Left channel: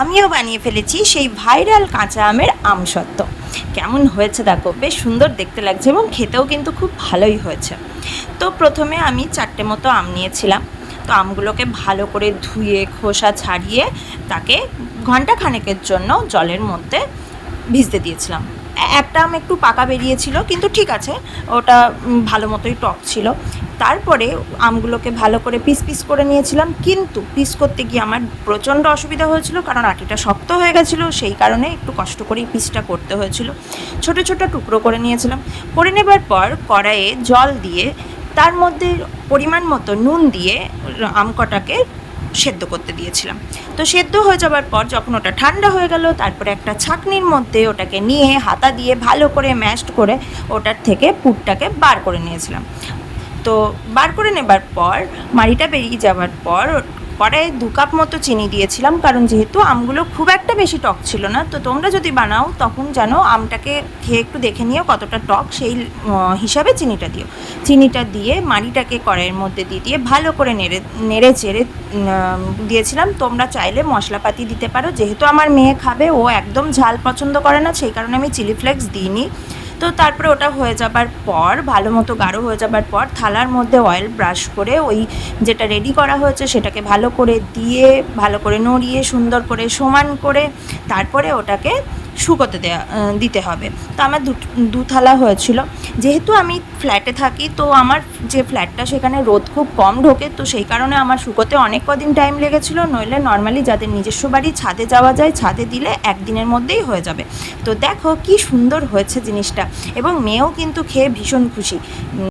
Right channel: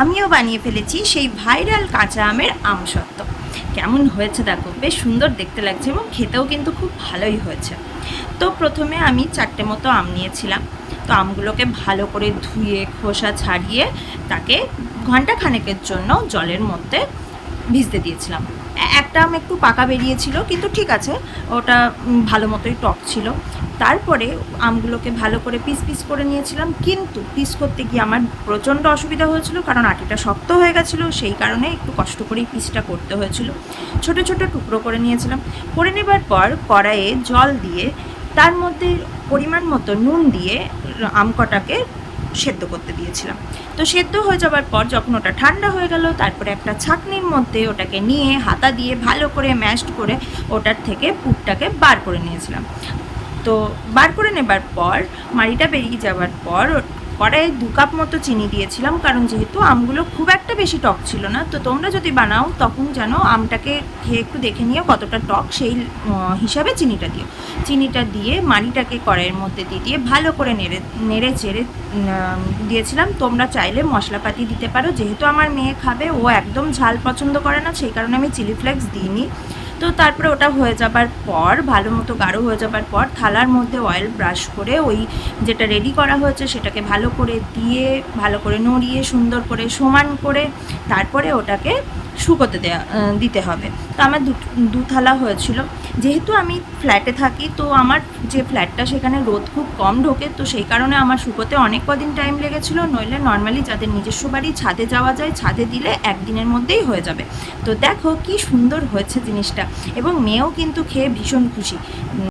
আমিও বানিয়ে ফেলেছি সেই ভাইরাল কাঁচা আমের আমসত্ত্ব। কেমন হয়েছে দেখো, বেশ সুন্দর দেখতে লাগছে এবং খেতেও কিন্তু খুব ভালোই হয়েছে। তো প্রথমে আমি 4টে মতো আম নিয়েছিলাম। তো আমগুলোকে ভালো করে ধুয়ে খোসা ছাড়িয়ে তাকে ঘন্টা খানেকের জন্য জলের মধ্যে ভিজতে দিয়েছিলাম। একটা আম একটু পাকা বেরিয়েছিল, কিন্তু ঠিক আছে, ওটা ভালো মতোই টক ছিল। তারপরে আমগুলোকে ভালো করে পিস পিস করে নিয়েছিলাম, কিন্তু পিস করতে গিয়ে আমার প্রচণ্ড অসুবিধা হয়েছিল, কারণ আটিটা শক্ত হয়ে গেছিলো, সেই কারণে একটু কষ্ট করেই পিসটা করতে হয়েছিল। ছোট ছোট টুকরো করে নিয়েছিলাম। করে নেবার পর কড়াইয়ে জল দিয়ে তার মধ্যে পরিমাণ মতো নুন দিয়ে আম কটাকে সেদ্ধ করতে দিয়েছিলাম। তো সেদ্ধ হয়ে যাবার পর যখন ওটা ঠান্ডা হয়ে গেল, তারপরে একটা ছাঁকনির মধ্যে ওটাকে নিয়ে হাতা দিয়ে ভালো করে ম্যাশড করে ওটার থেকে পুরটাকে বার করে নিয়েছিলাম। তো বার করে নেবার পর মাড়িটা বেরিয়ে যাবার পর কড়াইয়ে 2 কাপ মতো চিনি দিয়েছিলাম, কারণ যেহেতু আমগুলো খুব একটা বেশি টক ছিল না। তো তোমরা যদি বানাও তখন যেন আমটাকে খেয়ে একটু দেখে নিও কতটা টক, সেই হিসাবে চিনিটা দিও। চিনিটা দিয়ে মাড়িটাকে কড়াইয়ের মধ্যে দিয়ে ভালো করে নেড়ে চেড়ে দিয়েছিলাম। তোমরা চাইলে মশলাপাতি দিতে পারো, যেহেতু আমার মেয়ে খাবে, ও একদম ঝাল পছন্দ করে না, সেই কারণে আমি চিলি ফ্লেক্স দিইনি। তো তারপরে ওটা হয়ে যাবার পর, ভালো মতো গাঢ় হয়ে যাবার পর, থালার মধ্যে অয়েল ব্রাশ করে ওই যেটা রেডি করা হয়েছে সেটাকে ভালো করে দিয়ে ভালো করে নড়িয়ে সুন্দর করে সমান করে তারপরে ওটাকে শুকোতে দিতে হবে। তো আমার দু থালা হয়েছিল। যেহেতু আমি ফ্ল্যাটে থাকি, তো আমার যে ফ্ল্যাটটা সেখানে রোদ খুব কম ঢোকে, তো সেই কারণে আমার শুকোতে অনেক কদিন টাইম লেগেছিলো। নইলে নর্মালি যাদের নিজস্ব বাড়ি ছাদে যাওয়া যায়, ছাদে দিলে একদিনের মধ্যেই হয়ে যাবে। তো দেখো কি সুন্দর হয়েছে জিনিসটা, এবং মেয়েও কিন্তু খেয়ে ভীষণ খুশি।